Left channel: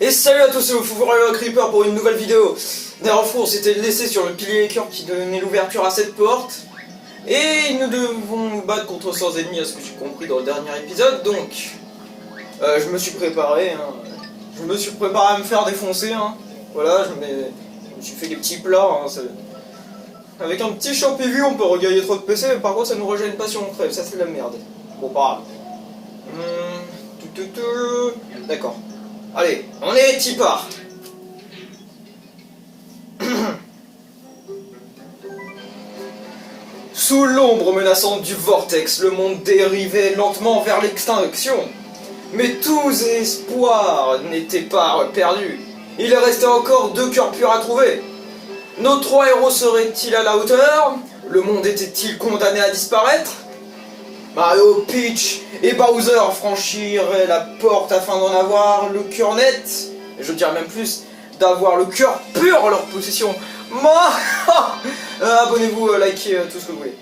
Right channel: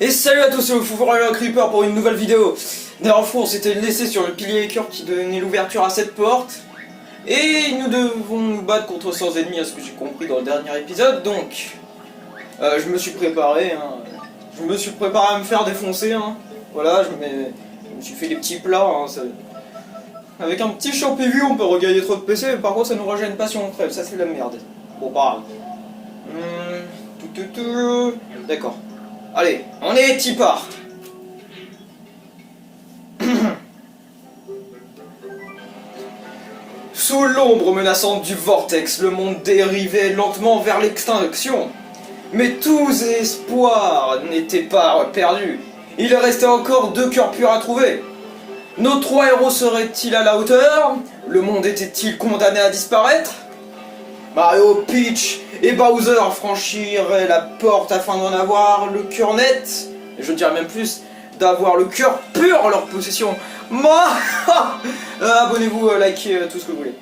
Et salut à tous, c'est le Foufoureux Creeper pour une nouvelle vidéo. Dernière fois, on s'était laissé sur le pilier écœur qui donnait l'ouverture à cette porte. Et nous devons nous battre contre 100 ennemis, à ce que j'ai compris dans le dernier épisode. Donc, je me suis préparé. Je me suis préparé à me faire défoncer. Voilà, je me suis fait des petits plats. Avec un petit champivu, on peut regagner trop de PC, mais par contre, ça nous régène pas si on crève. Ça, c'est de la merde. Bon, pas grave. D'accord. Allez, on est tipard. Sous l'ombre menaçante du vortex, le monde dérivait lentement vers l'extinction. Mais tous espoirs n'étaient pas perdus. Il restait encore 2 cœurs purs à trouver. Nos 3 héros seraient-ils à la hauteur? Le monde était-il condamné à disparaître? Mario, Peach et Bowser franchiraient la porte afin d'en avoir le cœur net, je dirais même plus, d'avoir le cœur pur en leur possession. Moi, abonnez-vous, likez tout ce que vous voulez.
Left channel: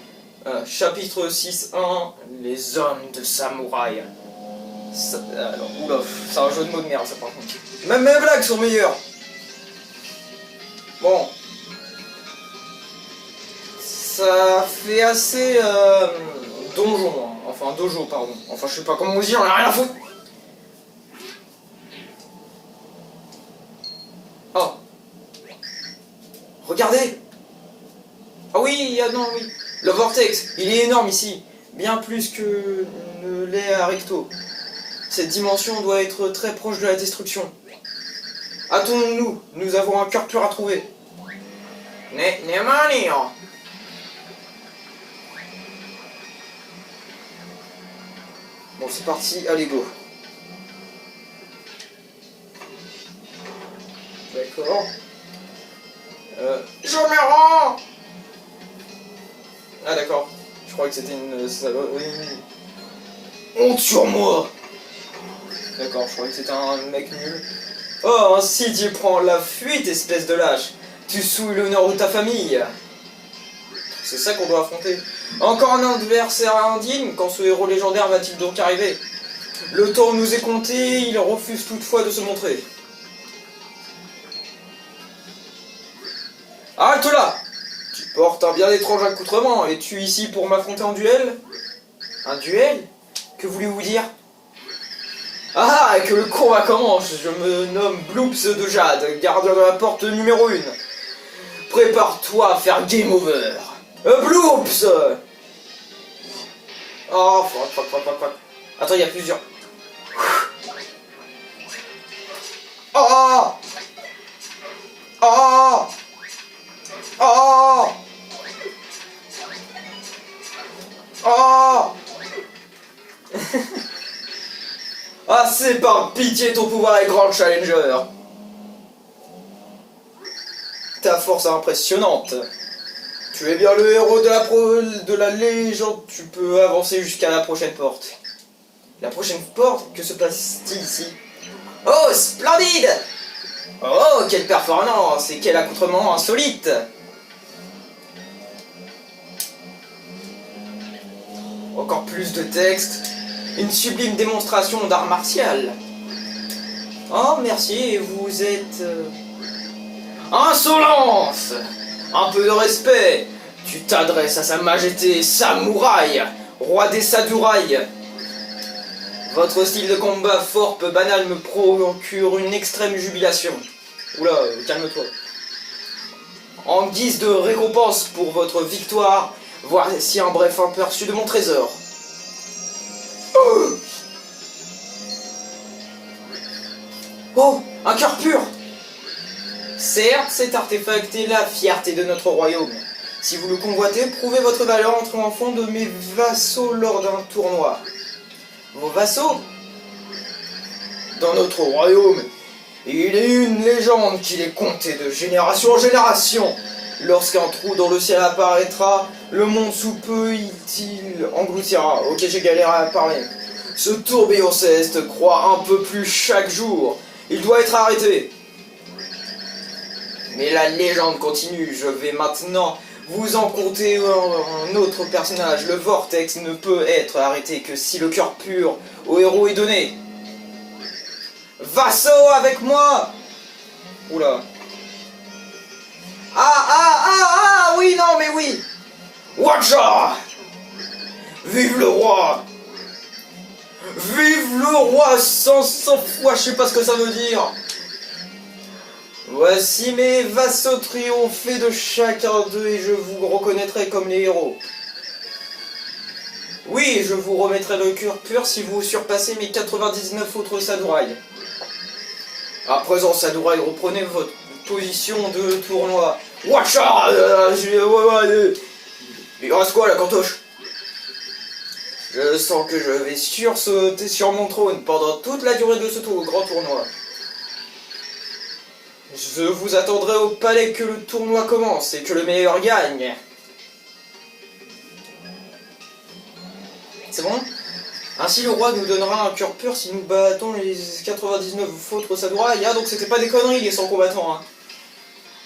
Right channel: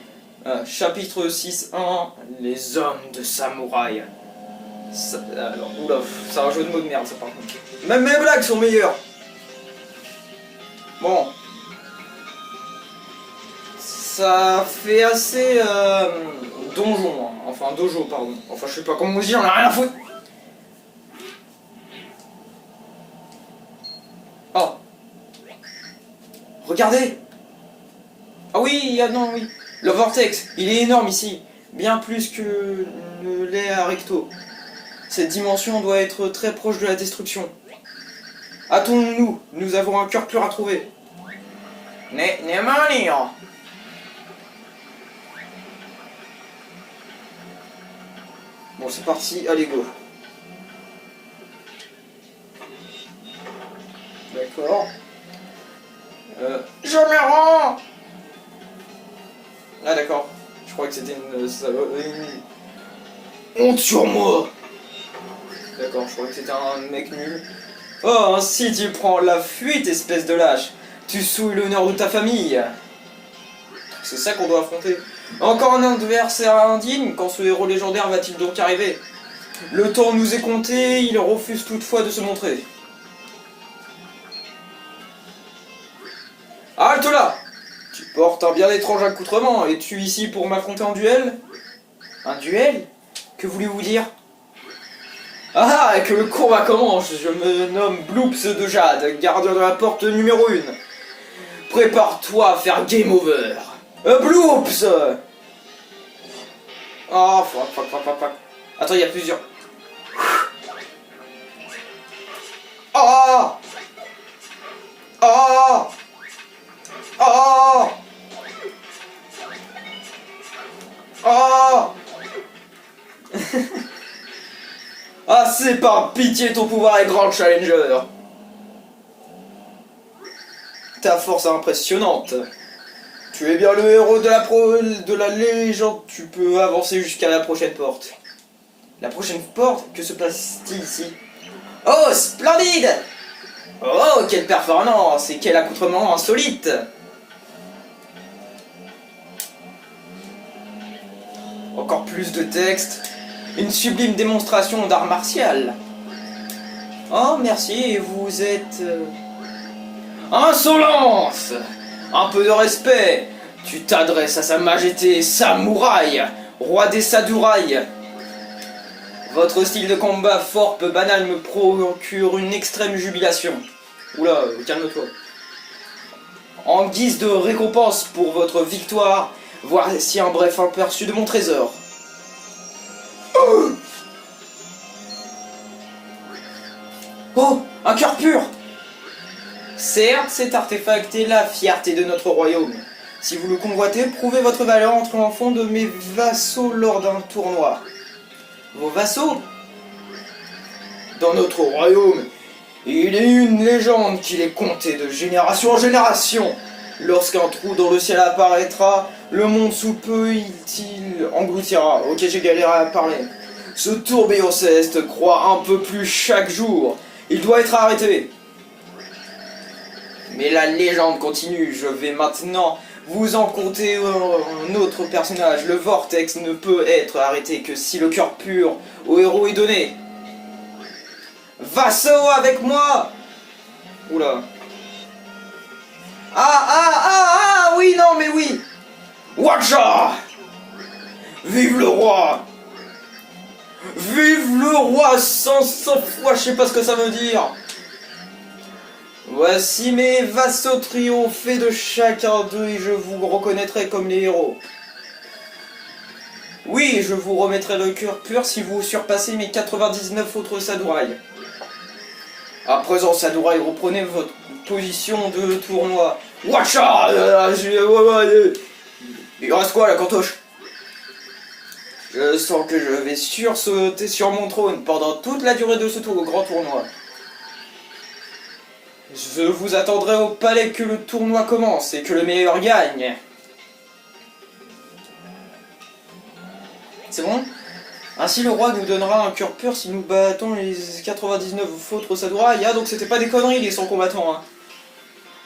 Chapitre 6.1, les hommes de samouraï. Alors, oula, c'est un jeu de mots de merde ça par contre. Même mes blagues sont meilleures. Bon. Ça fait assez donjon, enfin dojo pardon, enfin je sais pas comment vous dire, j'en ai rien à foutre. Oh. Regardez. Oh oui, non oui. Le vortex, il est énorme ici, bien plus que ne l'est à Recto. Cette dimension doit être très proche de la destruction. Attendons-nous, nous avons un cœur pur à trouver. Bon, c'est parti, allez go. D'accord. Je me rends. Ah d'accord. Je crois que c'était une honte sur moi. D'accord, je crois que c'était un mec nul. Oh, ainsi tu prends la fuite, espèce de lâche. Tu souilles l'honneur de ta famille. C'est ça qu'on doit affronter. Encore un adversaire indigne, quand ce héros légendaire va-t-il donc arriver? Le temps nous est compté, il refuse toutefois de se montrer. Halte là! Tu portes un bien étrange accoutrement, es-tu ici pour m'affronter en duel? Un duel? Que voulez-vous dire? Ah, que le combat commence! Je me nomme Bloops de Jade, gardien de la porte numéro 1. Prépare-toi à faire game over. Bloops! Oh, fuck. Attends, il y a plusieurs. Oh! Oh! Oh! Oh! Ah, c'est par pitié, ton pouvoir est grand, Challenger. Ta force est impressionnante. Tu es bien le héros de la légende. Tu peux avancer jusqu'à la prochaine porte. La prochaine porte? Que se passe-t-il ici? Oh, splendide! Oh, quelle performance et quel accoutrement insolite! Encore plus de texte. Une sublime démonstration d'art martial. Oh, merci, vous êtes... Insolence! Un peu de respect! Tu t'adresses à sa majesté samouraï, roi des samouraïs. Votre style de combat fort peu banal me procure une extrême jubilation. Oula, calme-toi. En guise de récompense pour votre victoire, voici un bref aperçu de mon trésor. Oh, un cœur pur! Certes, cet artefact est la fierté de notre royaume. Si vous le convoitez, prouvez votre valeur en triomphant de mes vassaux lors d'un tournoi. Vos vassaux? Dans notre royaume, il est une légende qu'il est compté de génération en génération. Lorsqu'un trou dans le ciel apparaîtra, le monde sous peu il engloutira. Ok, j'ai galéré à parler. Ce tourbillon céleste croît un peu plus chaque jour. Il doit être arrêté. Mais la légende continue. Je vais maintenant vous en compter un autre personnage. Le vortex ne peut être arrêté que si le cœur pur au héros est donné. Vassaux avec moi. Oula. Ah, oui, non, mais oui. Watcha. Vive le roi. Vive le roi 100 fois, je sais pas ce que ça veut dire. Voici mes vassaux triomphés de chacun d'eux et je vous reconnaîtrai comme les héros. Oui, je vous remettrai le cœur pur si vous surpassez mes 99 autres sadouraïs. À présent, sadouraï, reprenez votre position de tournoi. Watcha. Il reste quoi, la cantoche? Je sens que je vais sursauter sur mon trône pendant toute la durée de ce grand tournoi. Je vous attendrai au palais que le tournoi commence et que le meilleur gagne. C'est bon? Ainsi le roi nous donnera un cœur pur si nous battons les 99 autres sadouraïs. Ah, donc c'était pas des conneries les 100 combattants. Hein.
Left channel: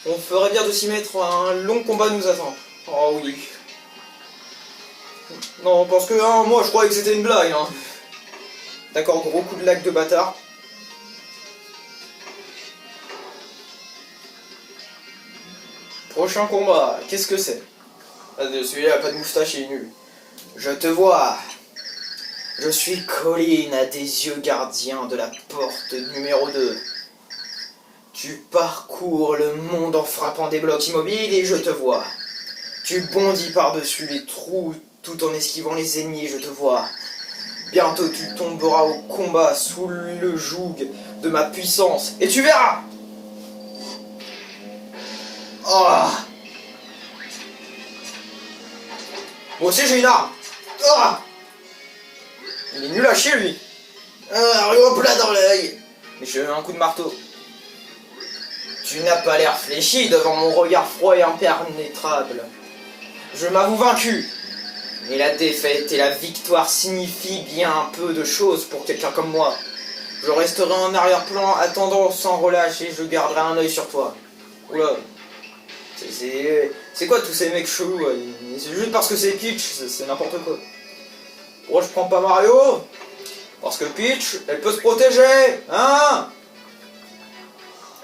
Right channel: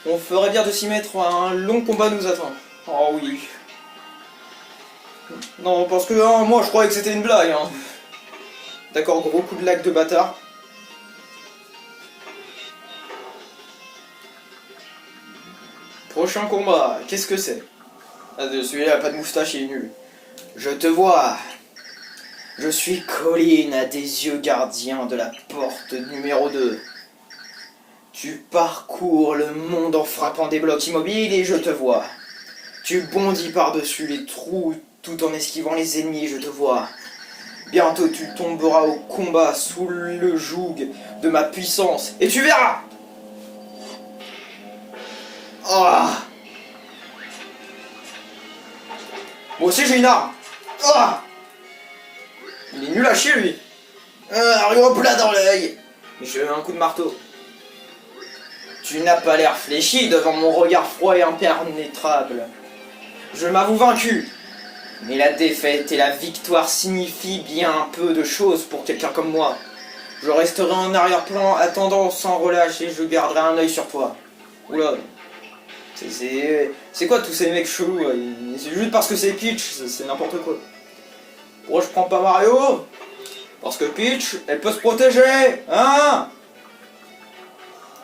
On ferait bien de s'y mettre, un long combat nous attend. Oh oui. Non, parce que moi je croyais que c'était une blague. Hein. D'accord, gros coup de lac de bâtard. Prochain combat, qu'est-ce que c'est? Celui-là a pas de moustache, il est nul. Je te vois. Je suis Colline à des yeux gardiens de la porte numéro 2. Tu parcours le monde en frappant des blocs immobiles et je te vois. Tu bondis par-dessus les trous tout en esquivant les ennemis, je te vois. Bientôt tu tomberas au combat sous le joug de ma puissance et tu verras. Oh. Moi aussi j'ai une arme. Oh. Il est nul à chier lui. Arrive plat dans l'œil. Mais j'ai un coup de marteau. Tu n'as pas l'air fléchi devant mon regard froid et impénétrable. Je m'avoue vaincu. Mais la défaite et la victoire signifient bien peu de choses pour quelqu'un comme moi. Je resterai en arrière-plan attendant sans relâche et je garderai un œil sur toi. Oula. C'est quoi tous ces mecs chelous? C'est juste parce que c'est Peach, c'est n'importe quoi. Oh, je prends pas Mario. Parce que Peach, elle peut se protéger. Hein?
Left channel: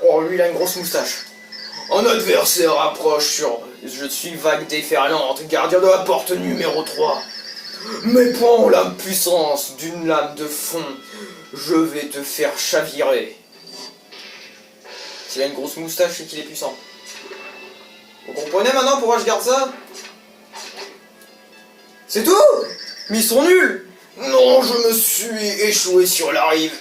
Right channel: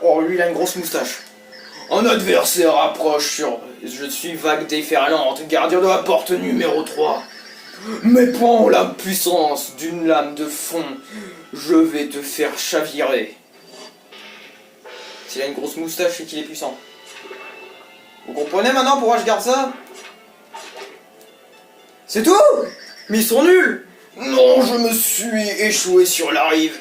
Oh, lui, il a une grosse moustache. Un adversaire approche sur... Je suis vague déferlante, gardien de la porte numéro 3. Mes poings ont la puissance d'une lame de fond. Je vais te faire chavirer. S'il a une grosse moustache, c'est qu'il est puissant. Vous comprenez maintenant pourquoi je garde ça? C'est tout? Mais ils sont nuls! Non, je me suis échoué sur la rive.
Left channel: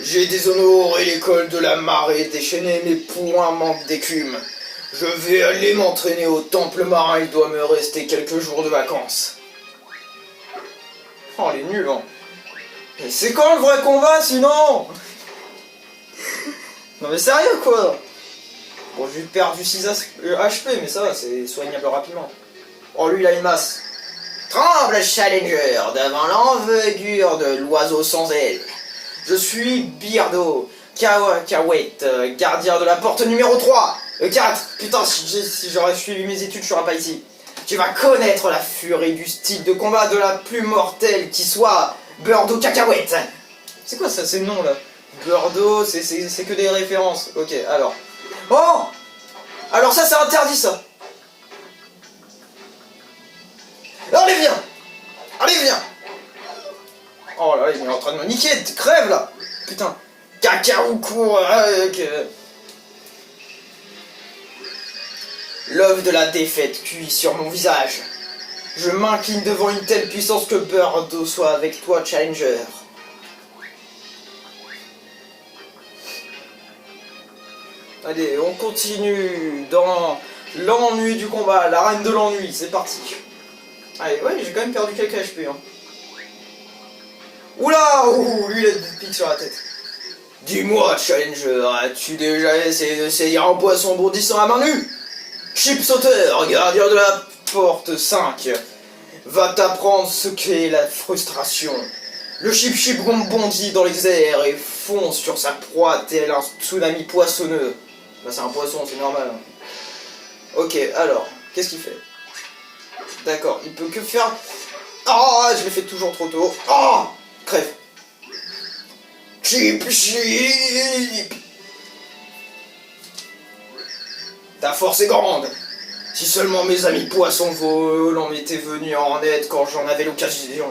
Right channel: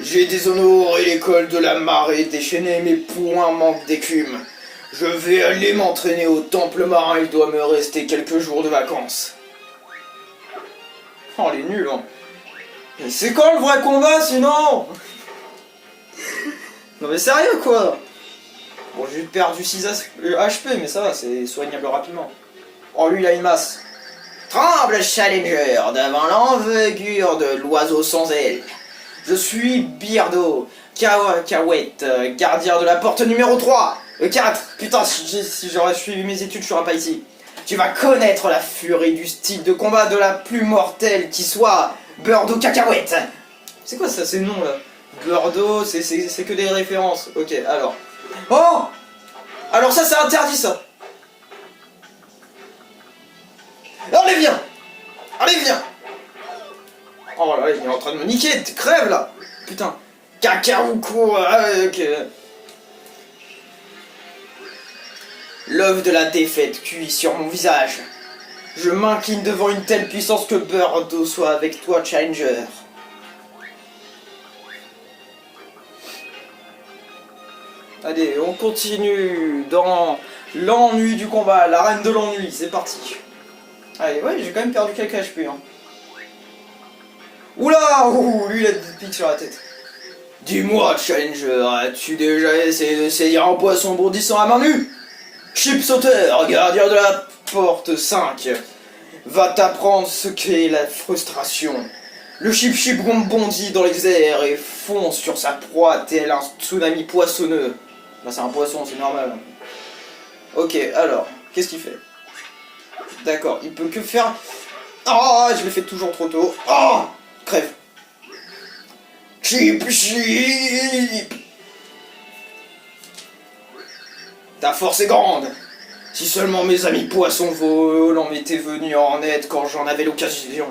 J'ai déshonoré l'école de la marée déchaînée, mes poings manquent d'écume. Je vais aller m'entraîner au temple marin, il doit me rester quelques jours de vacances. Oh, les nuls, hein. Mais c'est quand le vrai combat, sinon? Non mais sérieux, quoi? Bon, j'ai perdu 6 HP, mais ça va, c'est soignable rapidement. Oh, lui, il a une masse. Tremble, Challenger, devant l'envergure de l'oiseau sans aile. Je suis Beardo, Kawet, gardien de la porte numéro 3. 4. Putain, si j'aurais suivi mes études, je serais pas ici. Tu vas connaître la furie du style de combat de la plus mortelle qui soit, Beardo Cacahuète. C'est quoi ça, ces noms là? Beardo, c'est que des références. Ok, alors. Oh! Alors ça, c'est interdit, ça. Allez, viens! Allez, viens! Oh là, il est en train de me niquer, crève là! Putain! Cacaoukou! L'œuf de la défaite cuit sur mon visage. Je m'incline devant une telle puissance que Beardo soit avec toi, Challenger. Allez, on continue dans l'ennui du combat, la reine de l'ennui, c'est parti. Allez, ouais, j'ai quand même perdu quelques HP. Hein. Oula, lui il a des pics sur la tête. Dis-moi, Challenger, as-tu déjà essayé de saisir un poisson bondissant à main nue? Chip sauteur, gardien de la porte 5, va t'apprendre ce qu'est la frustration. Le chip bondit dans les airs et fonce sur sa proie tel un tsunami poissonneux. Bah c'est un poisson, c'est normal. Ok, alors, qu'est-ce qu'il fait? D'accord, il peut que faire... Oh, je l'ai fait toujours trop tôt. Oh, crève. Chip chip. Ta force est grande. Si seulement mes amis poissons volants m'étaient venus en aide quand j'en avais l'occasion.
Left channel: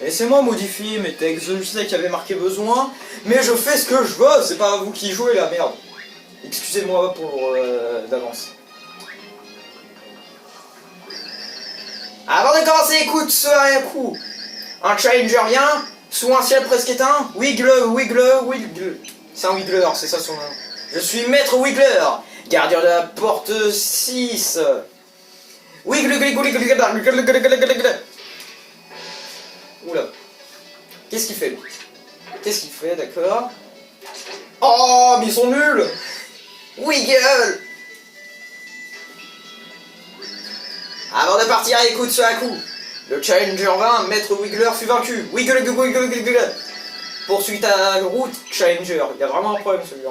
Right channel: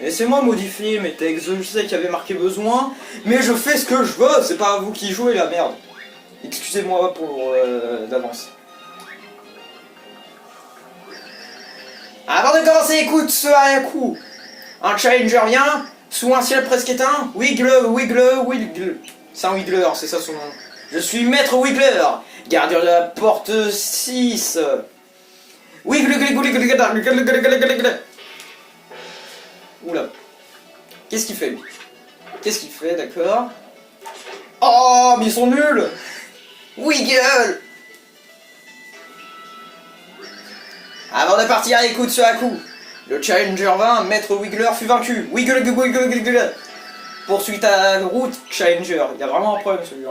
Laissez-moi modifier mes textes, je sais qu'il y avait marqué besoin, mais je fais ce que je veux, c'est pas vous qui jouez la merde. Excusez-moi pour d'avance. Avant de commencer, écoute ce coup. Un challenger vient, sous un ciel presque éteint, Wiggle. C'est un Wiggler, c'est ça son nom. Je suis Maître Wiggler, gardien de la porte 6. Wiggle. Oula. Qu'est-ce qu'il fait lui? Qu'est-ce qu'il fait, d'accord? Oh, mais ils sont nuls! Wiggle! Avant de partir, écoute ce coup. Le Challenger 20, Maître Wiggler fut vaincu. Wiggle. Poursuis ta route, Challenger. Il y a vraiment un problème celui-là.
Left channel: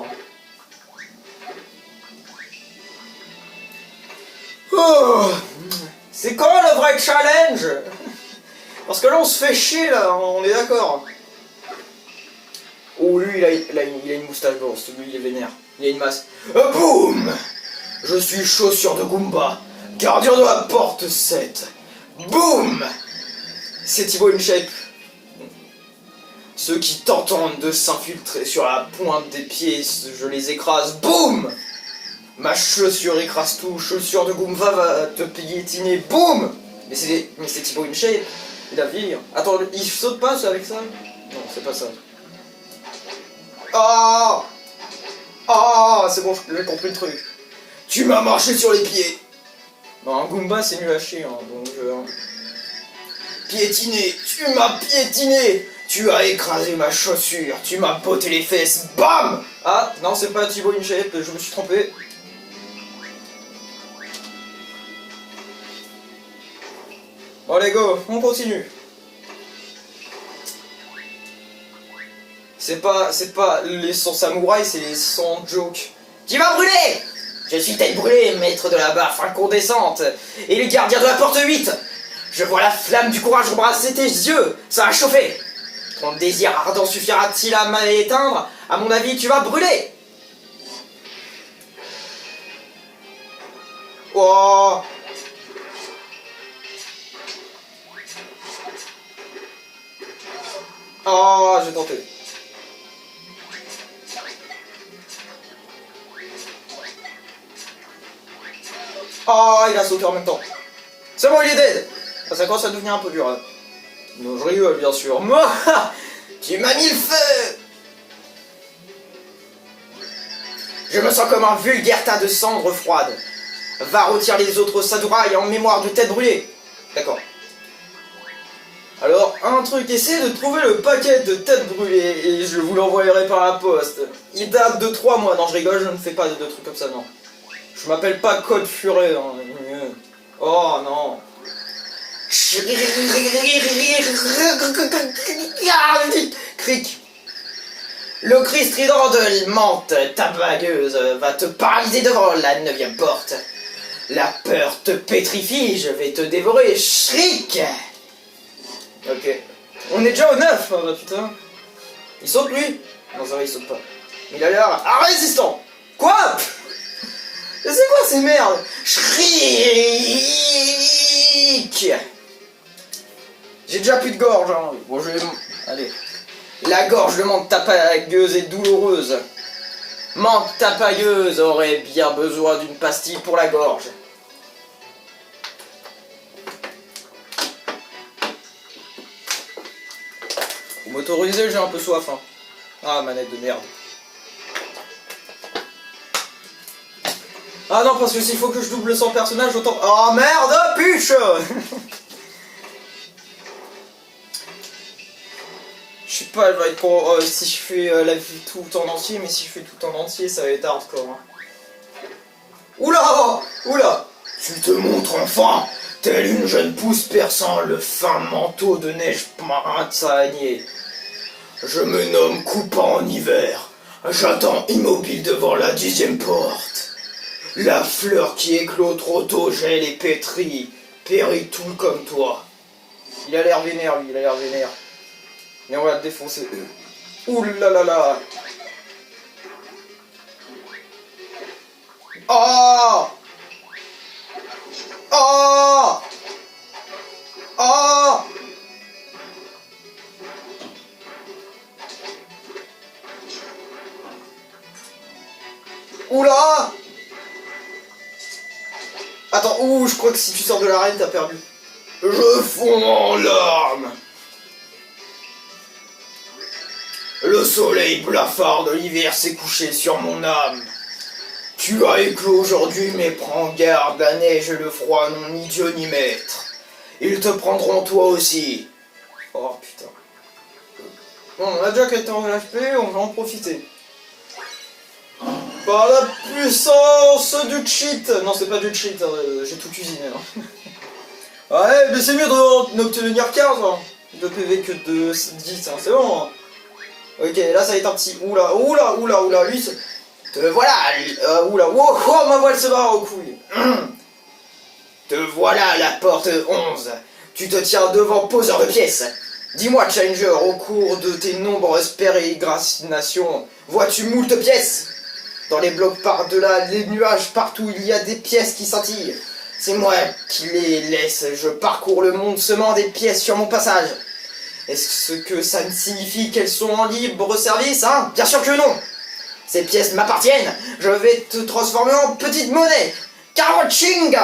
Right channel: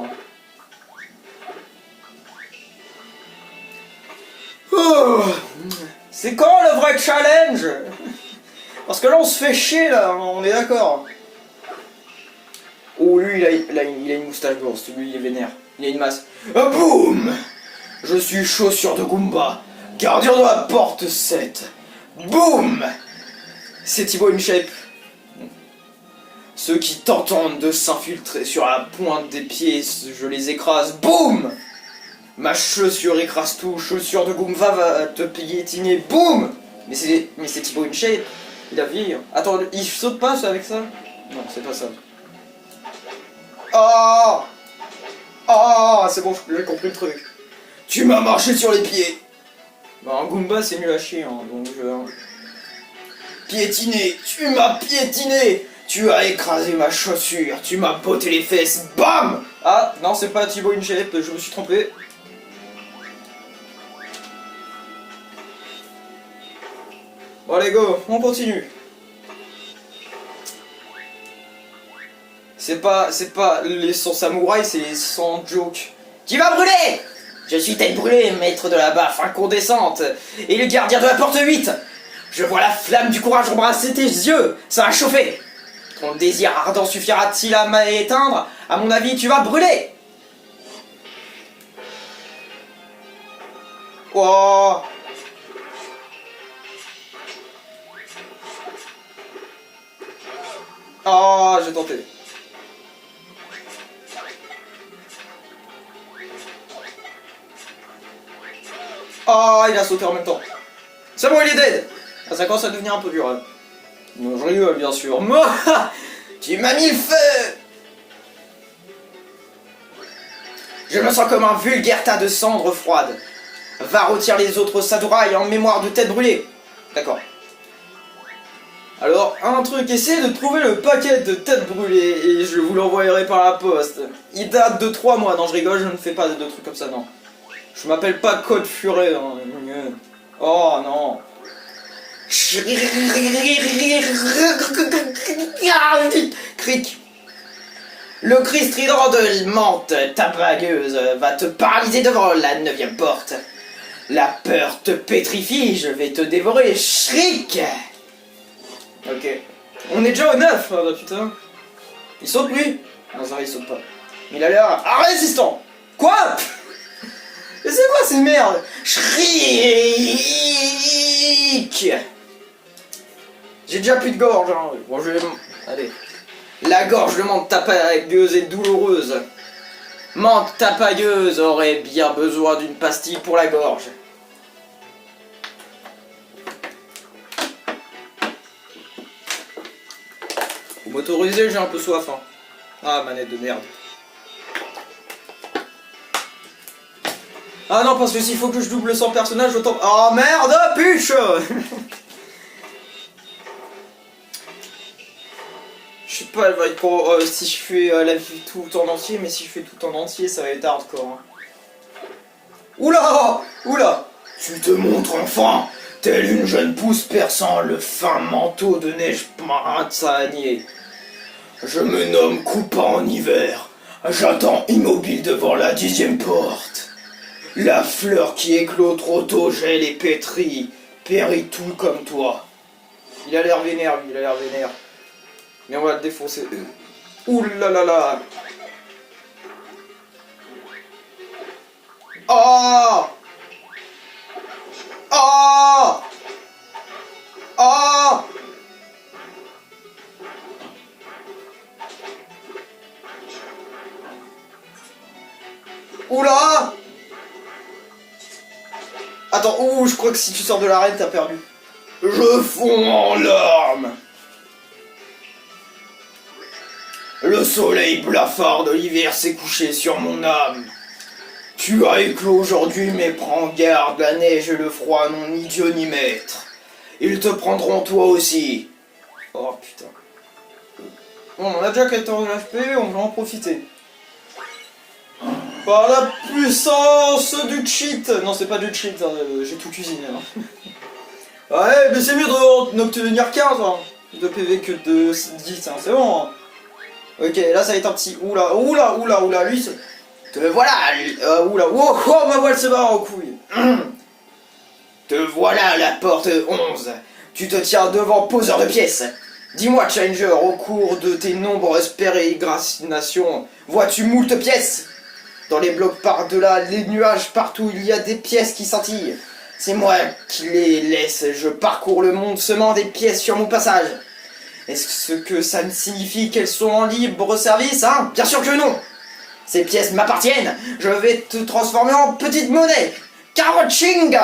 Oh, c'est quand le vrai challenge? Parce que là on se fait chier là, on est d'accord. Oh lui il a une moustache grosse, lui il est vénère. Il a une masse. Boum! Je suis chaussure de Goomba, gardien de la porte 7. Boum! C'est Thibaut InShape. Ceux qui tentent de s'infiltrer sur la pointe des pieds, je les écrase. Boum! Ma chaussure écrase tout, chaussure de Goomba va te piétiner. Boum! Mais c'est Thibaut InShape. Il a vire. Attends, il saute pas avec ça? Non, c'est pas ça. Oh! Oh, c'est bon, j'ai compris le truc. Tu m'as marché sur les pieds. Bon, un Goomba, c'est nul à chier, hein, donc Piétiné, tu m'as piétiné. Tu as écrasé ma chaussure, tu m'as botté les fesses. Bam! Ah, non, c'est pas Thibaut InShape, je me suis trompé. Bon, allez, go, on continue. C'est pas les sons samouraïs, c'est les sons joke. Tu vas brûler! Je suis tête brûlée, maître de la baffe incandescente, et le gardien de la porte 8. Je vois la flamme du courage embrasser tes yeux, ça va chauffer. Ton désir ardent suffira-t-il à m'éteindre? À mon avis, tu vas brûler. Oh. Oh, j'ai tenté. Oh, il a sauté en même temps. C'est bon, il est dead. Ça commence à devenir un peu dur. Non, je rigole, bien sûr. Moi, tu m'as mis le feu. Je me sens comme un vulgaire tas de cendres froides. Va retirer les autres samouraïs en mémoire de tête brûlée. D'accord. Alors, un truc, essayez de trouver le paquet de têtes brûlées et je vous l'envoyerai par la poste. Il date de 3 mois. Non, je rigole, je ne fais pas de trucs comme ça, non. Je m'appelle pas Code Furet. Hein. Oh non. Cric. Le cri strident de menthe, ta bagueuse, va te paralyser devant la 9e porte. La peur te pétrifie, je vais te dévorer, shriek. Ok. On est déjà au 9, oh, putain. Il saute lui? Non, ça va, il saute pas. Il a l'air résistant. Quoi? Mais c'est quoi ces merdes? Shriek. J'ai déjà plus de gorge, hein. Bon, je vais... Allez. La gorge de menthe tapailleuse est douloureuse. Menthe tapailleuse aurait bien besoin d'une pastille pour la gorge. Vous m'autorisez, j'ai un peu soif, hein. Ah, manette de merde. Ah non, parce que s'il faut que je double 100 personnages, autant... Oh merde, puche. Je sais pas, elle va être pour, si je fais la vie tout en entier, mais si je fais tout en entier, ça va être hardcore. Hein. Oula! Oula! Tu te montres enfin, telle une jeune pousse perçant le fin manteau de neige printanier. Je me nomme Coupant en hiver. J'attends immobile devant la 10e porte. La fleur qui éclot trop tôt gèle et pétrit, périt tout comme toi. Il a l'air vénère, lui, il a l'air vénère. Mais on va le défoncer. Ouh là là là. Oh. Oh. Oh. Oula. Attends, ouh, je crois que si tu sors de l'arène, t'as perdu. Je fonds en larmes. Le soleil blafard de l'hiver s'est couché sur mon âme. Tu as éclos aujourd'hui, mais prends garde, la neige et le froid n'ont ni Dieu ni maître. Ils te prendront toi aussi. Oh putain. Bon, on a déjà 14 HP, on va en profiter. Par la puissance du cheat. Non, c'est pas du cheat, j'ai tout cuisiné. Hein. Ouais, mais c'est mieux d'obtenir 15 hein. De PV que de 10, hein. C'est bon. Hein. Ok, là ça va être un petit... Oula, oula, oula, oula, lui... Te voilà, lui. Oula, wow, oh, ma voile se barre aux couilles. Te voilà à la porte 11. Tu te tiens devant poseur de pièces. Dis-moi, Challenger, au cours de tes nombreuses pérégrinations, vois-tu moult pièces? Dans les blocs par-delà, les nuages, partout, il y a des pièces qui scintillent. C'est moi qui les laisse. Je parcours le monde semant des pièces sur mon passage. Est-ce que ça ne signifie qu'elles sont en libre service, hein? Bien sûr que non. Ces pièces m'appartiennent. Je vais te transformer en petite monnaie. Caroching.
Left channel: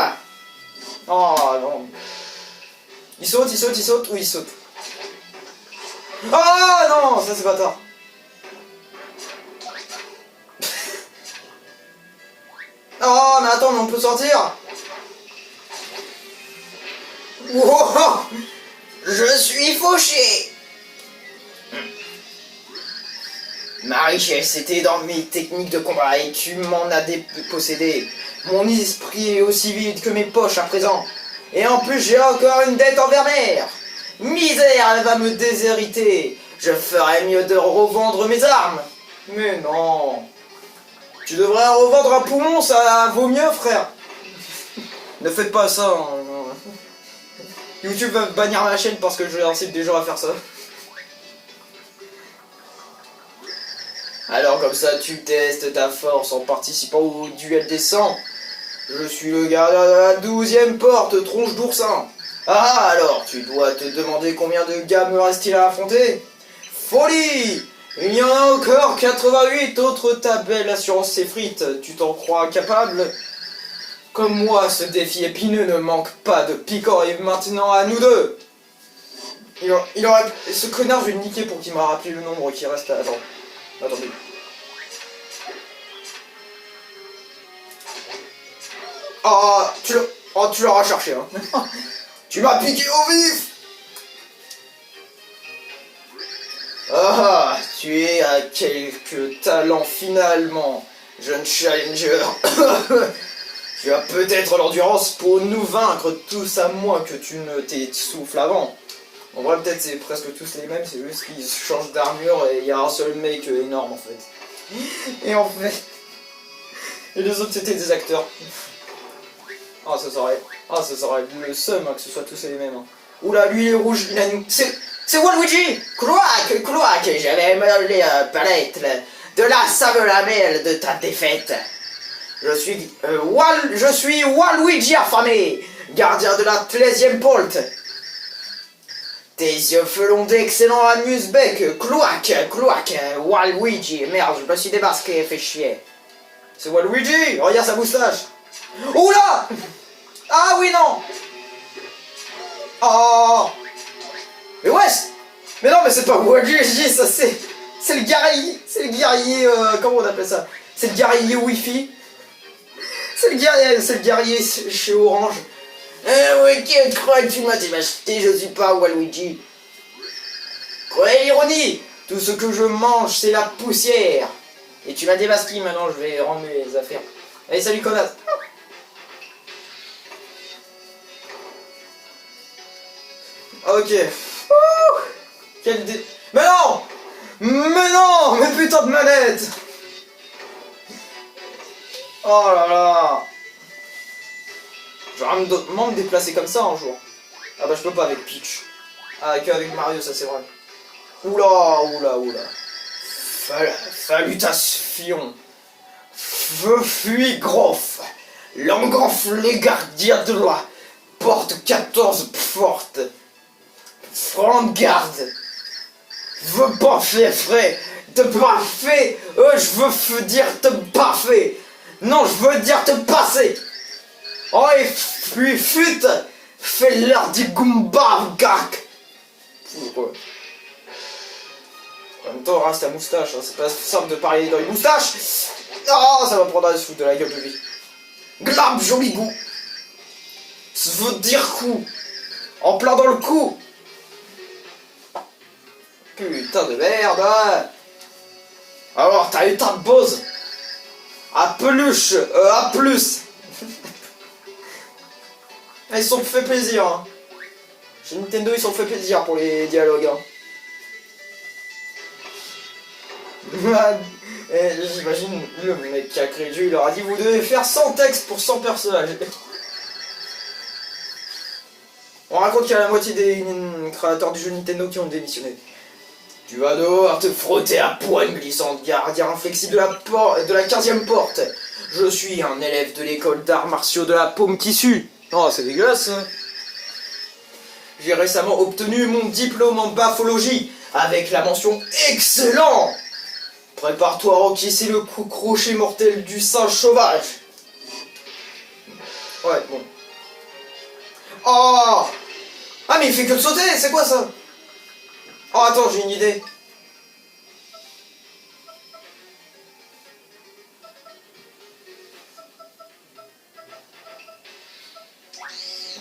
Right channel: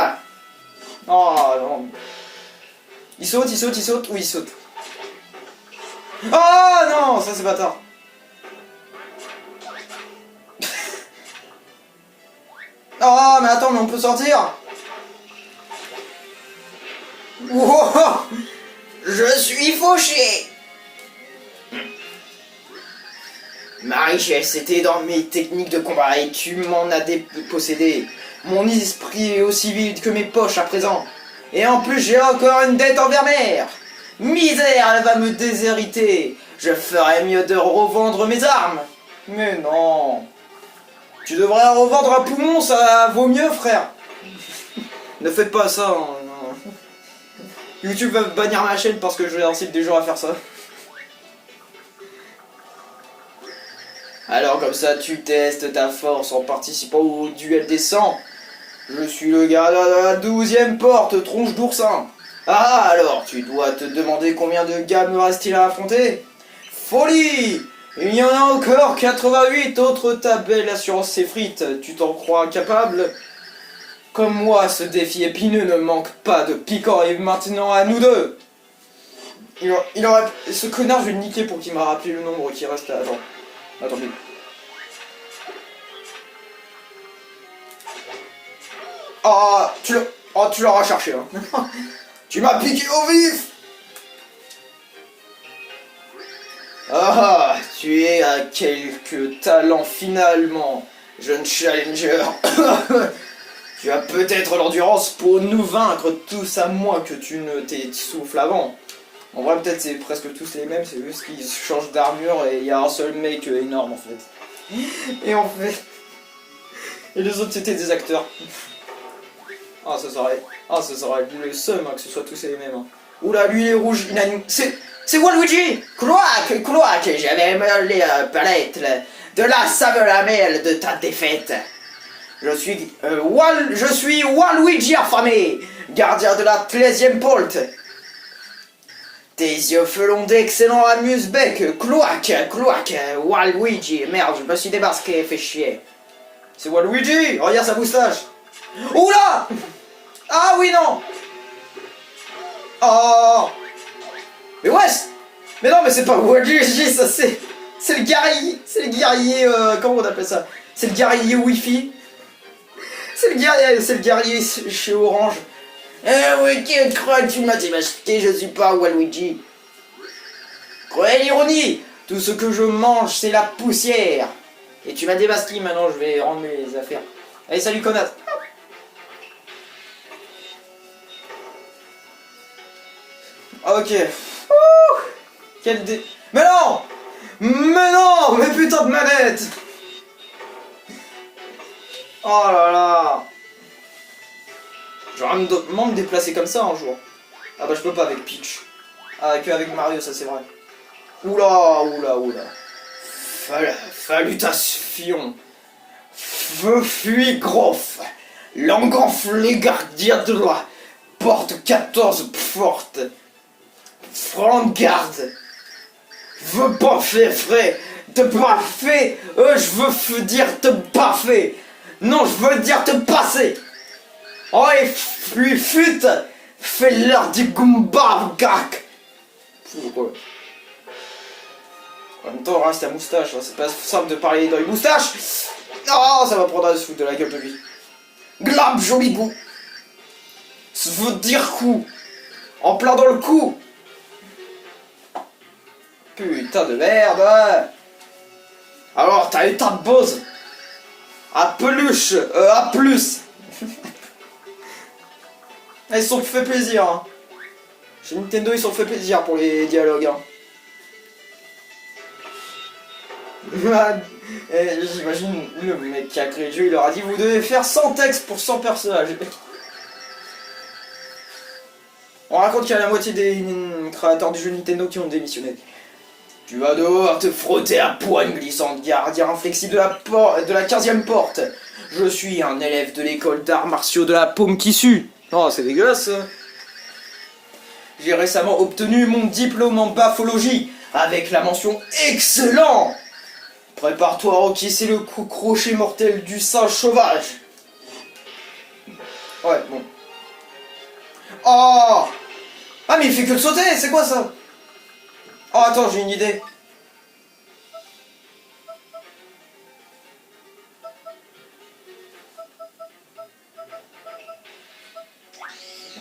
Oh non. Il saute, il saute, il saute. Oui, il saute. Oh non, ça c'est bâtard. Oh, mais attends, mais on peut sortir. Wow. Je suis fauché. Ma richesse était dans mes techniques de combat et tu m'en as dépossédé. Mon esprit est aussi vide que mes poches à présent. Et en plus j'ai encore une dette envers mère. Misère, elle va me déshériter. Je ferais mieux de revendre mes armes. Mais non. Tu devrais revendre un poumon, ça vaut mieux, frère. Ne faites pas ça. Non. YouTube va bannir ma chaîne parce que j'incite des gens à faire ça. Alors comme ça, tu testes ta force en participant au duel des sangs. Je suis le gardien de la 12e porte, tronche d'oursin. Ah alors, tu dois te demander combien de gars me reste-t-il à affronter? Folie! Il y en a encore 88 autres, ta belle assurance s'effrite. Tu t'en crois capable? Comme moi, ce défi épineux ne manque pas de piquant et maintenant à nous deux. Il aurait... Ce connard, je vais le niquer pour qu'il m'a rappelé le nombre qui reste à... Attendez. Ah, tu l'auras cherché, hein. Tu m'as piqué au vif. Ah, tu es à quelques talents finalement, jeune challenger. Tu as peut-être l'endurance pour nous vaincre tous à moins que tu ne t'essouffles avant. En vrai, peut-être c'est presque tous les mêmes, c'est juste qu'ils changent d'armure et il y a un seul mec énorme en fait. Et en fait... Et les autres c'était des acteurs. Ah, ça serait le seum hein, que ce soit tous les mêmes. Hein. Oula, lui il est rouge, il a une... C'est Waluigi! Cloaque, j'avais me la palette de la saveur de ta défaite. Je suis Waluigi affamé, gardien de la 13e polte. Tes yeux felons d'excellent amuse-bec, cloaque, Waluigi, merde, je me suis démasqué, fait chier. C'est Waluigi, regarde sa moustache. Oula! Ah oui, non! Oh! Mais ouais! Mais non, mais c'est pas Waluigi, ça c'est le guerrier, comment on appelle ça? C'est le guerrier Wi-Fi. C'est le guerrier chez Orange. Oui, qui croit que tu m'as démasqué, je suis pas Waluigi. Croyez l'ironie, tout ce que je mange c'est la poussière. Et tu m'as démasqué, maintenant je vais rendre mes affaires. Allez, salut connasse. Ok. Quel dé... Mais non! Mais putain de manette! Oh là là! J'aurais vraiment me déplacer comme ça un jour. Ah bah je peux pas avec Peach. Ah, que avec Mario, ça c'est vrai. Oula, oula, oula. Salutation. Je suis Groff. L'engonfle les gardiens de loi. Porte 14 forte. Front de garde. Je veux pas faire frais. Te parfait. Je veux dire te parfait. Non, je veux dire te passer. Oh, et puis fut. Fais l'heure du Goomba, gak. En même temps, reste ta moustache, hein. C'est pas simple de parler dans les moustaches. Ah, ça va prendre à se foutre de la gueule de lui. Glab, joli goût. Ça veut dire coup. En plein dans le cou. Putain de merde. Alors, t'as eu ta Bose. À peluche. À plus. Ils se sont fait plaisir. Hein. Chez Nintendo, ils se sont fait plaisir pour les dialogues. Hein. J'imagine le mec qui a créé le jeu, il leur a dit vous devez faire 100 textes pour 100 personnages. On raconte qu'il y a la moitié des créateurs du jeu Nintendo qui ont démissionné. Tu vas devoir te frotter à poigne glissante, gardien inflexible de la 15e porte. Je suis un élève de l'école d'arts martiaux de la paume qui sue. Oh, c'est dégueulasse. J'ai récemment obtenu mon diplôme en baphologie avec la mention excellent. Prépare-toi à encaisser le coup crochet mortel du singe sauvage. Ouais, bon. Oh! Ah, mais il fait que de sauter, c'est quoi ça? Oh, attends, j'ai une idée.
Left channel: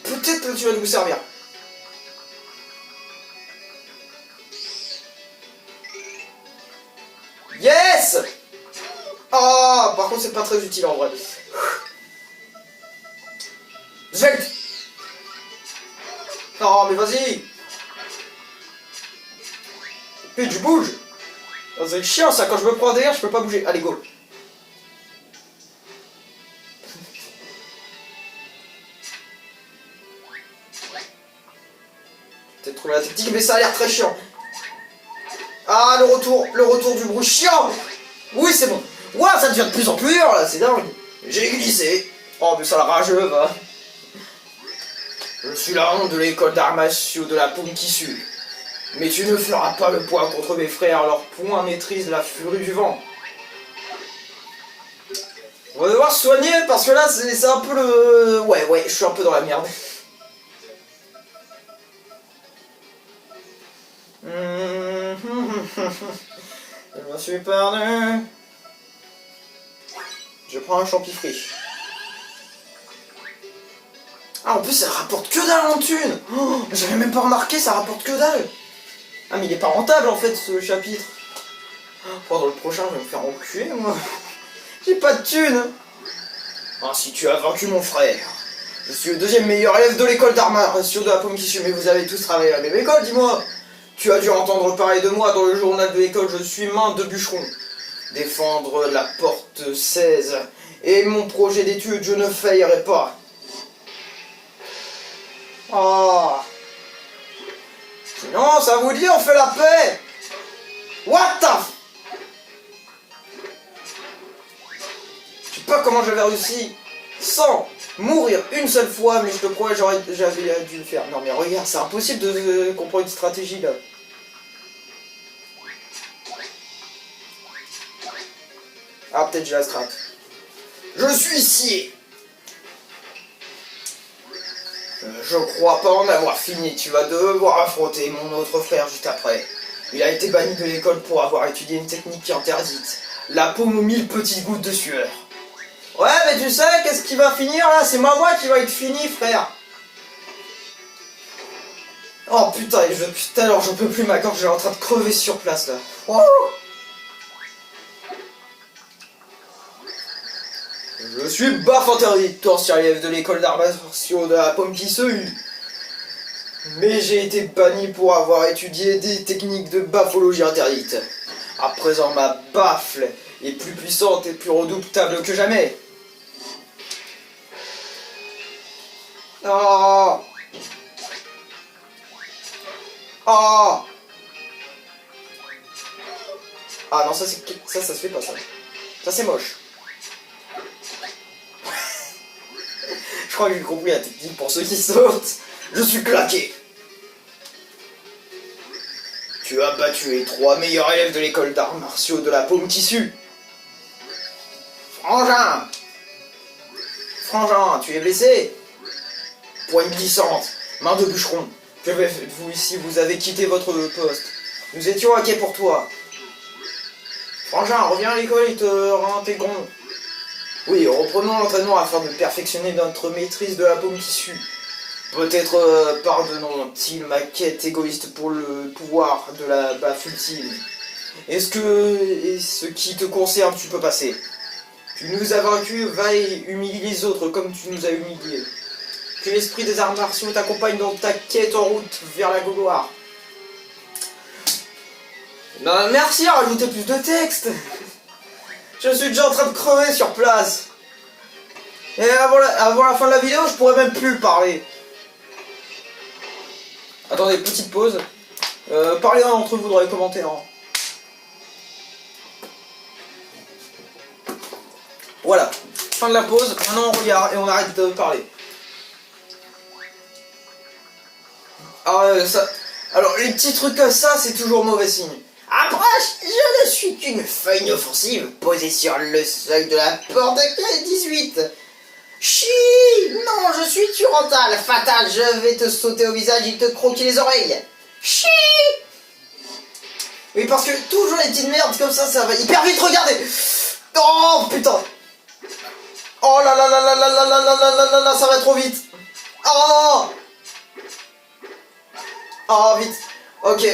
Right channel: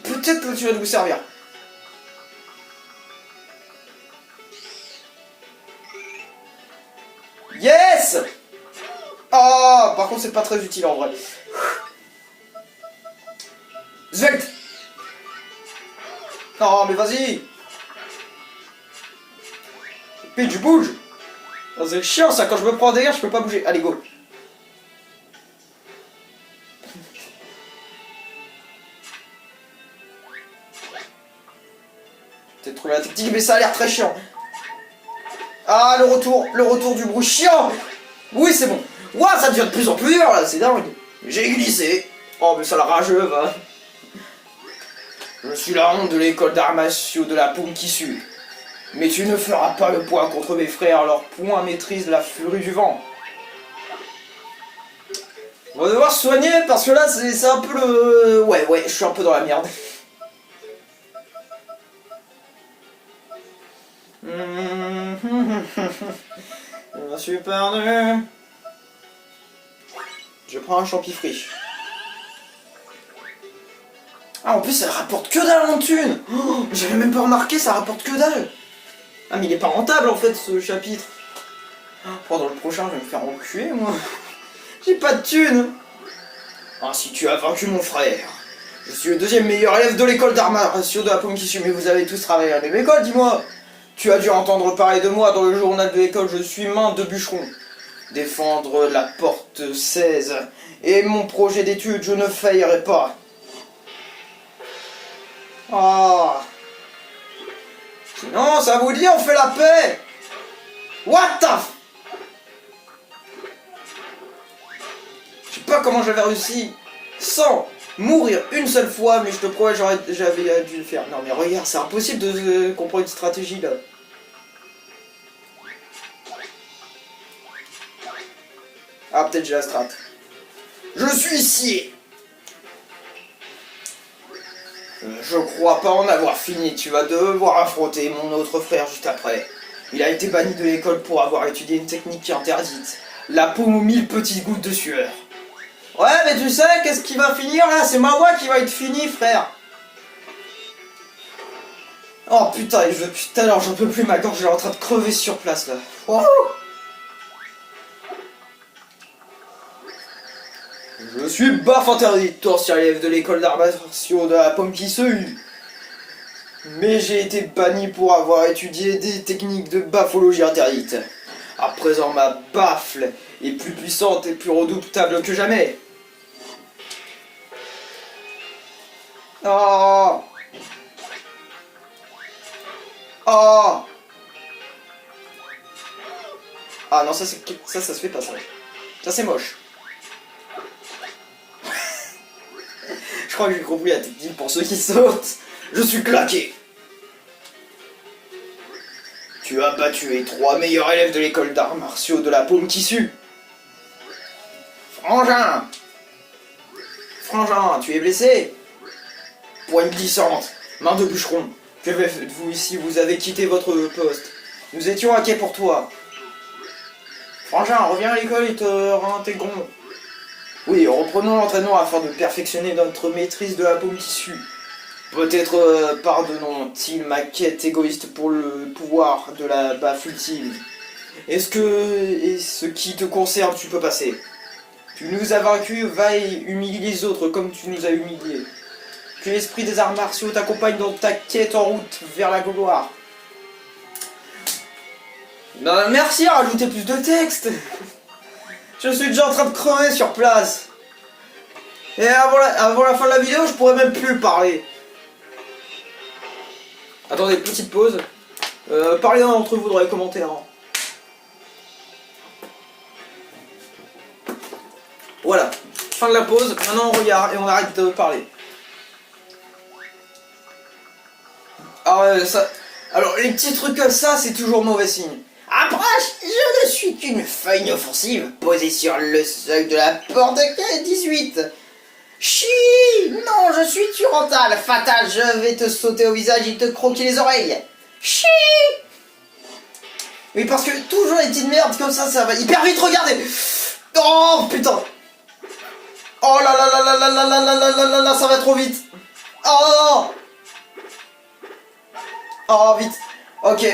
Peut-être que tu vas nous servir. Yes! Ah, par contre, c'est pas très utile en vrai. Zelt! Non, mais vas-y! Pitch, bouge! C'est chiant ça, quand je me prends derrière, je peux pas bouger. Allez, go! Peut-être trouvé la tactique, mais ça a l'air très chiant. Ah, le retour du bruit chiant! Oui, c'est bon. Ouah, ça devient de plus en plus dur là, c'est dingue. J'ai glissé. Oh, mais ça la rageux, va. Je suis la honte de l'école d'arts martiaux de la paume qui sue. Mais tu ne feras pas le poids contre mes frères, leur poing maîtrise la furie du vent. On va devoir se soigner parce que là, c'est un peu le... Ouais, je suis un peu dans la merde. Je me suis perdu. Je prends un champifriche. Ah, en plus, ça rapporte que dalle en thune. Oh, j'avais même pas remarqué, ça rapporte que dalle. Ah, mais il est pas rentable, en fait, ce chapitre. Oh, dans le prochain, je vais me faire enculer, moi. J'ai pas de thune. Ah, si tu as vaincu mon frère. Je suis le deuxième meilleur élève de l'école d'arts martiaux de la paume qui sue, mais vous avez tous travaillé à la même école, dis-moi. Tu as dû entendre parler de moi dans le journal de l'école, je suis main de bûcheron. Défendre la porte 16. Et mon projet d'étude, je ne faillerai pas. Oh. Sinon, ça vous dit, on fait la paix. What the f... Je sais pas comment j'avais réussi sans mourir une seule fois, mais je te crois, j'avais dû le faire. Non mais regarde, c'est impossible de comprendre une stratégie là. Ah, peut-être j'ai la strat. Je suis ici. Je crois pas en avoir fini, tu vas devoir affronter mon autre frère juste après. Il a été banni de l'école pour avoir étudié une technique qui est interdite. La paume aux 1000 petites gouttes de sueur. Ouais, mais tu sais, qu'est-ce qui va finir là? C'est moi qui va être fini, frère. Oh putain, depuis tout à l'heure, j'en peux plus, ma gorge est en train de crever sur place là. Oh. Je suis baf interdit, ancien élève de l'école d'arts martiaux de la paume qui se hue. Mais j'ai été banni pour avoir étudié des techniques de baphologie interdites. À présent, ma baffle est plus puissante et plus redoutable que jamais. Oh. Oh. Ah non, ça se fait pas ça. Ça c'est moche. Je crois que j'ai compris la technique pour ceux qui sautent. Je suis claqué. Tu as battu les 3 meilleurs élèves de l'école d'arts martiaux de la paume tissu. Frangin. Frangin, tu es blessé? Poigne glissante, main de bûcheron. Que faites-vous ici? Vous avez quitté votre poste. Nous étions inquiets pour toi. Frangin, reviens à l'école et te réintégrons. Oui, reprenons l'entraînement afin de perfectionner notre maîtrise de la paume tissu. Peut-être pardonnons-ils ma quête égoïste pour le pouvoir de la baffe ultime. Est-ce ce qui te concerne, tu peux passer? Tu nous as vaincus, va et humilie les autres comme tu nous as humiliés. Que l'esprit des arts martiaux t'accompagne dans ta quête en route vers la gloire. Non, merci, rajoutez plus de texte. Je suis déjà en train de crever sur place. Et avant la fin de la vidéo, je pourrais même plus parler. Attendez, petite pause. Parlez entre vous dans les commentaires. Voilà, fin de la pause. Maintenant on regarde et on arrête de parler. Alors les petits trucs comme ça, c'est toujours mauvais signe. Approche, je ne suis qu'une feuille inoffensive posée sur le seuil de la porte de 18. Chi! Non, je suis Turantal, fatal, je vais te sauter au visage et te croquer les oreilles. Chi! Oui, parce que toujours les petites merdes comme ça va hyper vite, regardez! Oh putain! Oh là là là là là là là là là là là là, ça va trop vite! Oh! Oh, vite! Ok.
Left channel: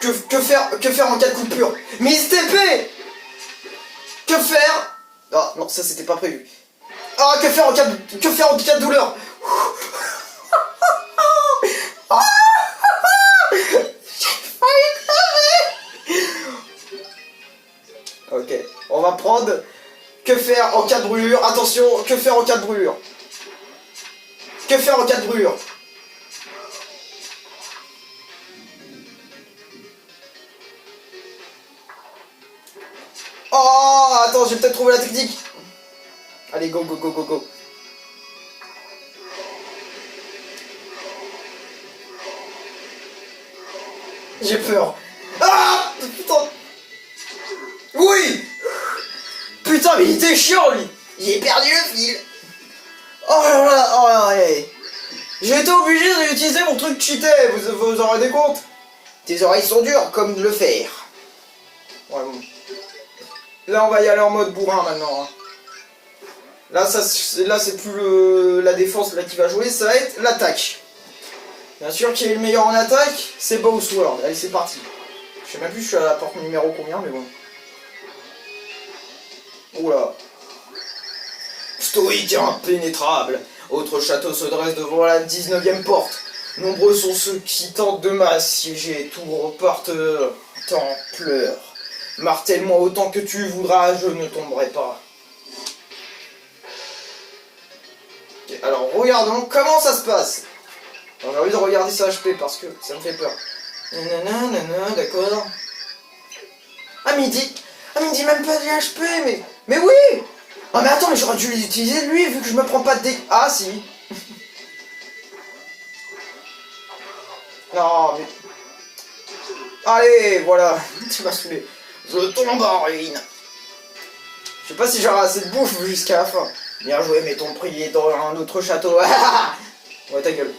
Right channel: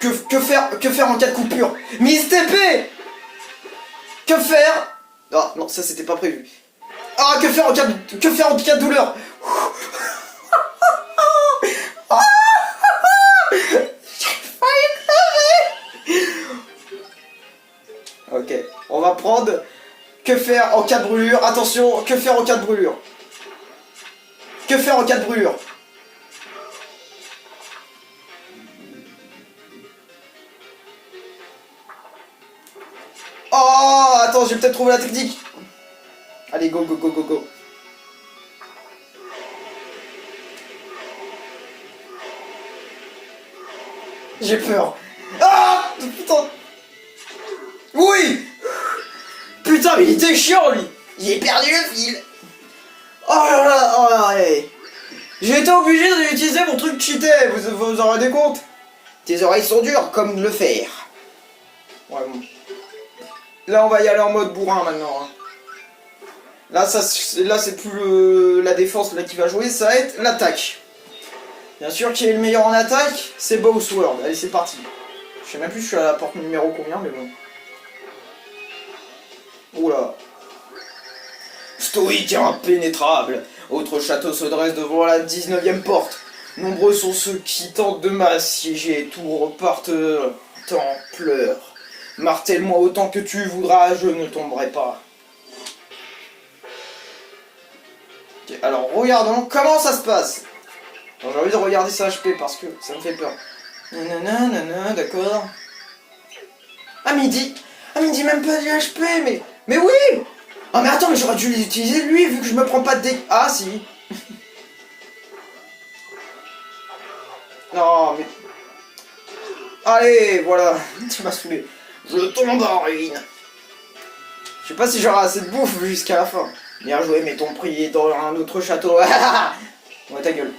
Que faire en cas de coupure? Miss TP! Que faire? Ah non, ça c'était pas prévu. Ah, que faire en cas de douleur? Ok, on va prendre que faire en cas de brûlure. Attention, que faire en cas de brûlure? Que faire en cas de brûlure? Oh, attends, j'ai peut-être trouvé la technique. Allez, go, go, go, go, go. J'ai peur. Ah, putain. Oui. Putain, mais il était chiant, lui. J'ai perdu le fil. Oh là là, oh là là. J'ai été obligé d'utiliser mon truc cheaté, vous vous en rendez compte? Tes oreilles sont dures comme le fer. Ouais, bon. Là, on va y aller en mode bourrin maintenant. Là, c'est plus la défense là qui va jouer, ça va être l'attaque. Bien sûr, qui est le meilleur en attaque? C'est Bowsword. Allez, c'est parti. Je sais même plus, je suis à la porte numéro combien, mais bon. Oula. Stoïque et impénétrable. Autre château se dresse devant la 19e porte. Nombreux sont ceux qui tentent de m'assiéger. Tout repartent en pleurs. Martèle-moi autant que tu voudras, je ne tomberai pas. Okay, alors regardons comment ça se passe. J'ai envie de regarder sa HP parce que ça me fait peur. Nanana, d'accord. Ah mais il dit même pas du HP, mais oui. Ah mais attends, mais j'aurais dû l'utiliser lui vu que je me prends pas de dégâts. Ah si. Non mais... Allez, voilà. Tu m'as saoulé. Je tombe en ruine. Je sais pas si j'aurai assez de bouffe jusqu'à la fin. Bien joué, mais ton prix est dans un autre château. Ouais, ta gueule.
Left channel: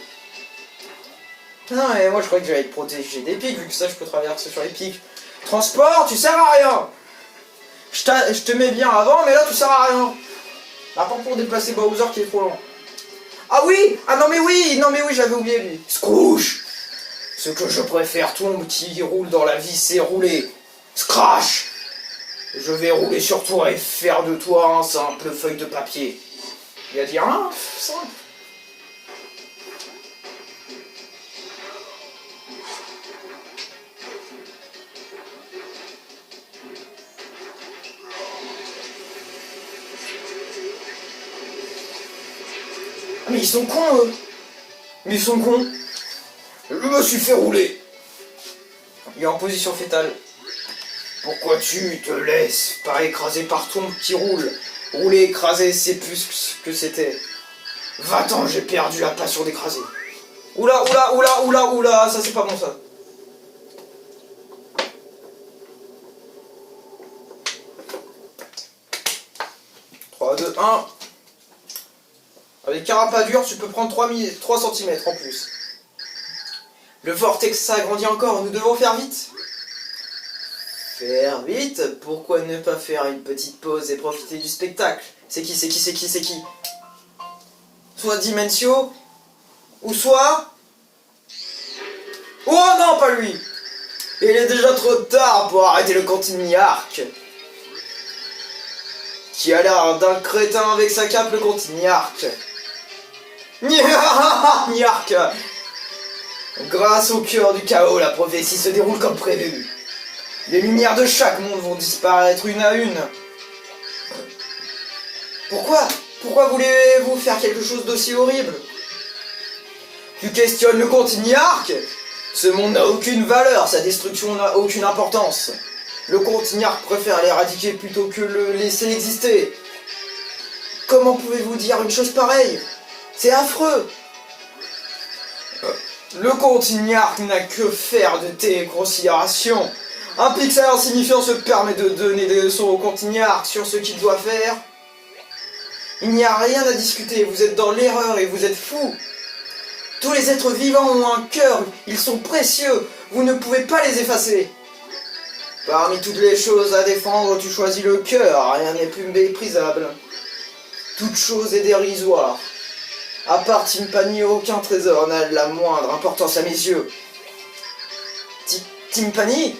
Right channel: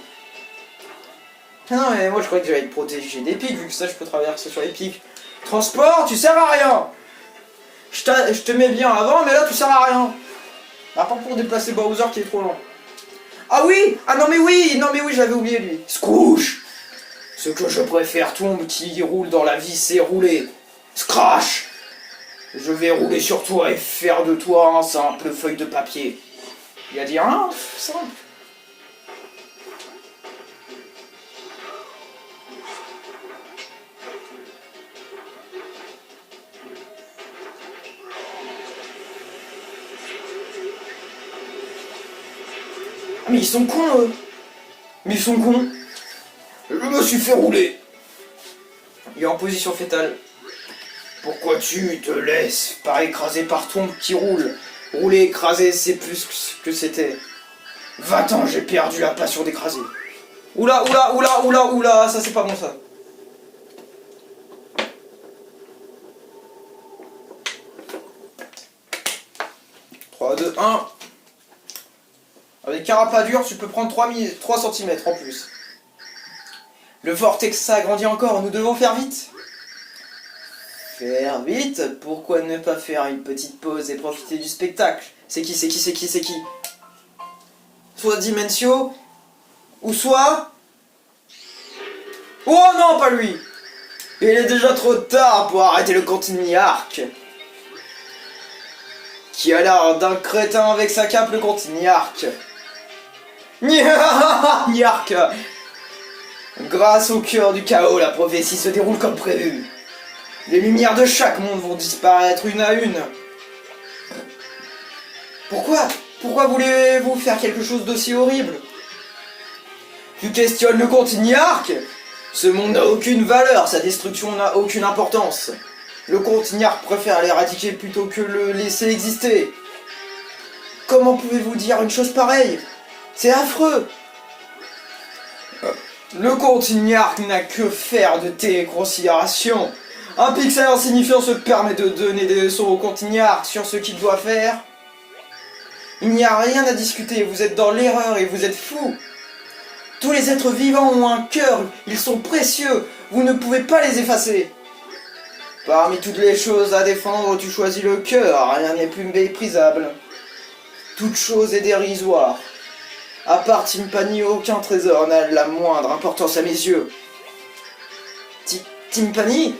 Ah non, mais moi je croyais que j'allais être protégé des pics, vu que ça je peux traverser sur les pics. Transport, tu sers à rien. Je te mets bien avant, mais là tu sers à rien. À part pour déplacer Bowser qui est trop lent. Ah oui. Ah non mais oui, j'avais oublié lui. Scrooge. Ce que je préfère, tombe qui roule dans la vie, c'est rouler. Scratch. Je vais rouler sur toi et faire de toi un simple feuille de papier. Il a dit hein, simple. Mais ils sont cons eux. Mais ils sont cons. Je me suis fait rouler. Il est en position fétale. Pourquoi tu te laisses pas écraser par ton qui roule? Rouler, écraser, c'est plus que c'était. 20 ans, j'ai perdu la passion d'écraser. Oula, oula, oula, oula, oula, ça c'est pas bon ça. Trois, 2, 1. Avec carapadure, tu peux prendre 3 cm en plus. Le vortex s'agrandit encore, nous devons faire vite. Faire vite? Pourquoi ne pas faire une petite pause et profiter du spectacle? C'est qui? Soit Dimensio, ou soit... Oh non, pas lui! Il est déjà trop tard pour arrêter le Contini Arc. Qui a l'air d'un crétin avec sa cape, le Contini Arc. Niark. Grâce au cœur du chaos, la prophétie se déroule comme prévu. Les lumières de chaque monde vont disparaître une à une. Pourquoi voulez-vous faire quelque chose d'aussi horrible? Tu questionnes le Contini Arc? Ce monde n'a aucune valeur, sa destruction n'a aucune importance. Le Contini Arc préfère l'éradiquer plutôt que le laisser exister. Comment pouvez-vous dire une chose pareille? C'est affreux. Le Contini Arc n'a que faire de tes considérations. Un pixel insignifiant se permet de donner des leçons au Contini Arc sur ce qu'il doit faire. Il n'y a rien à discuter, vous êtes dans l'erreur et vous êtes fous. Tous les êtres vivants ont un cœur, ils sont précieux, vous ne pouvez pas les effacer. Parmi toutes les choses à défendre, tu choisis le cœur, rien n'est plus méprisable. Toute chose est dérisoire. À part Timpani, aucun trésor n'a la moindre importance à mes yeux. Timpani?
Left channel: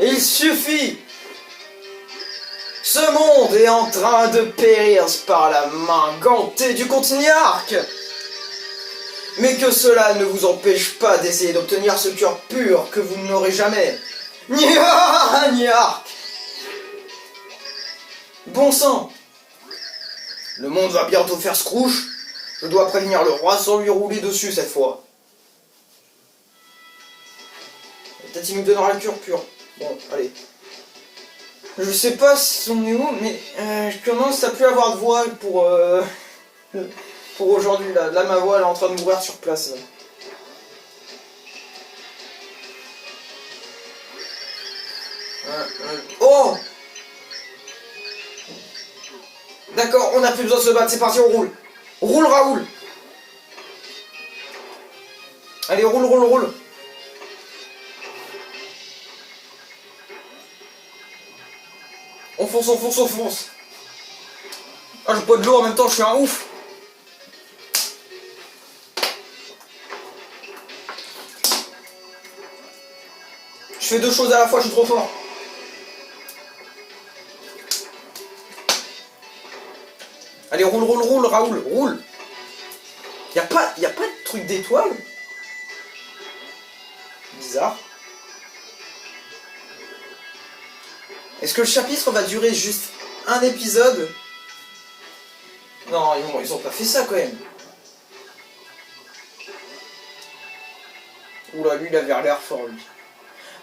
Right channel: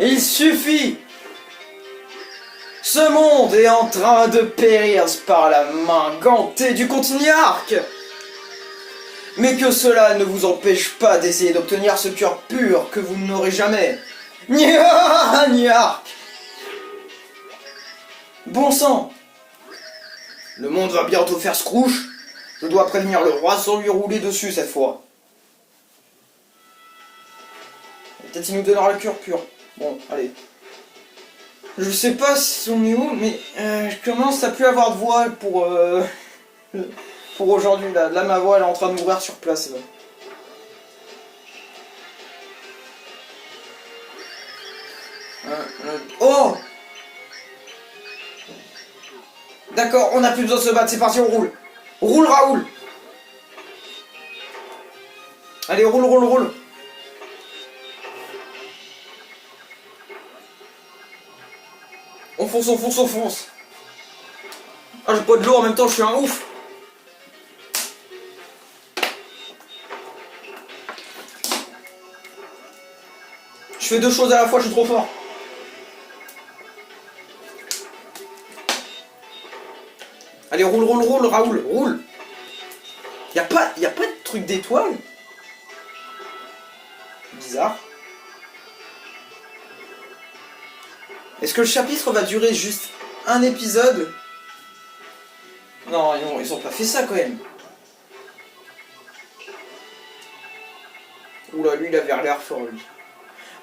Il suffit! Ce monde est en train de périr par la main gantée du Contini Arc! Mais que cela ne vous empêche pas d'essayer d'obtenir ce cœur pur que vous n'aurez jamais. Niark! Bon sang! Le monde va bientôt faire scrouche. Je dois prévenir le roi sans lui rouler dessus cette fois. Peut-être il nous donnera le cœur pur. Bon, allez. Je sais pas si on est où, mais je commence à plus avoir de voix pour aujourd'hui. Là, ma voix elle est en train de mourir sur place. Là. Oh! D'accord, on n'a plus besoin de se battre, c'est parti, on roule. Roule Raoul. Allez, roule, roule, roule. On fonce, on fonce, on fonce. Ah, j'ai pas de l'eau en même temps, je suis un ouf. Je fais deux choses à la fois, je suis trop fort. Allez, roule, roule, roule, Raoul, roule. Y a pas de truc d'étoile. Bizarre. Est-ce que le chapitre va durer juste un épisode? Non, ils ont pas fait ça quand même. Oula, lui il avait l'air fort lui.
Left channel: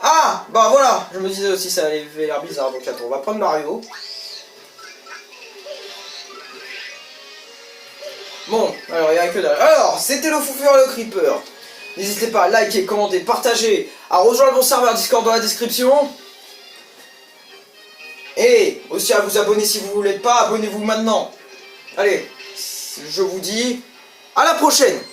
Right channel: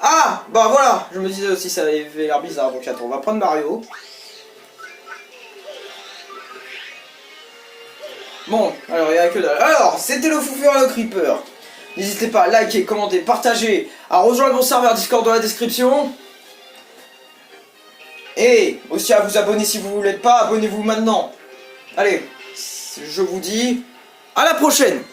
Ah! Bah voilà! Je me disais aussi ça avait l'air bizarre, donc attends, on va prendre Mario. Bon, alors il n'y a que dalle. Alors, c'était le Foufure et le Creeper. N'hésitez pas à liker, commenter, partager, à rejoindre mon serveur Discord dans la description. Et aussi à vous abonner si vous ne voulez pas, abonnez-vous maintenant. Allez, je vous dis à la prochaine.